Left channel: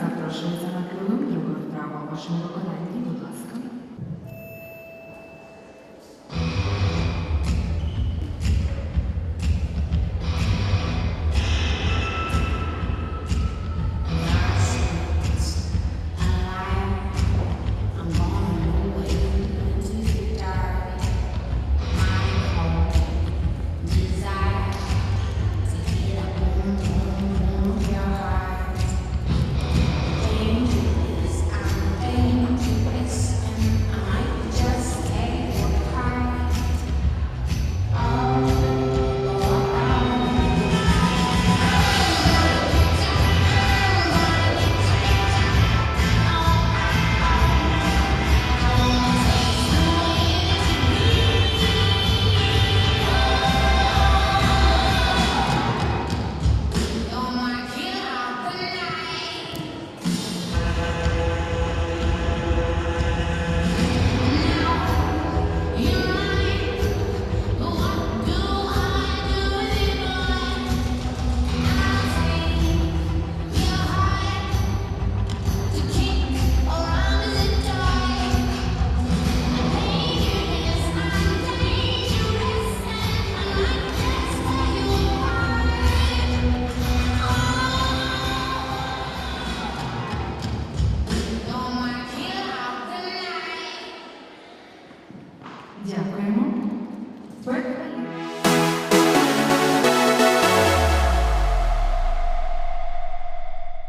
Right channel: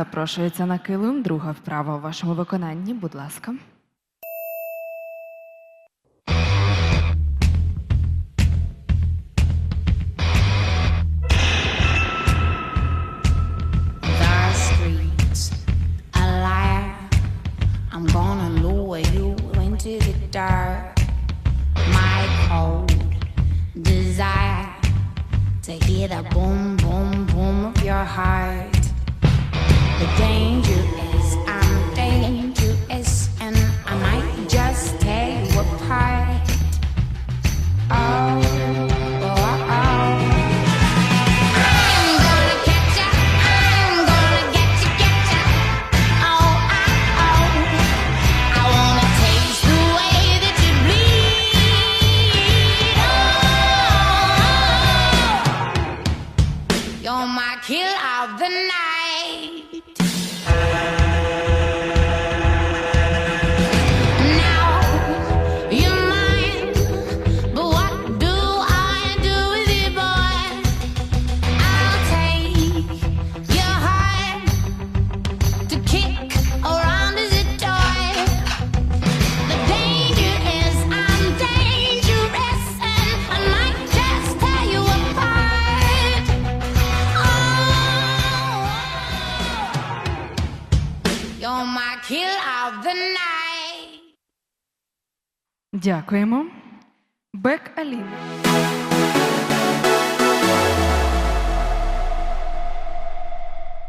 запрошується на килим. Друга вправа у вашому виконанні. Будь ласка. Дякуємо. Бек Алі.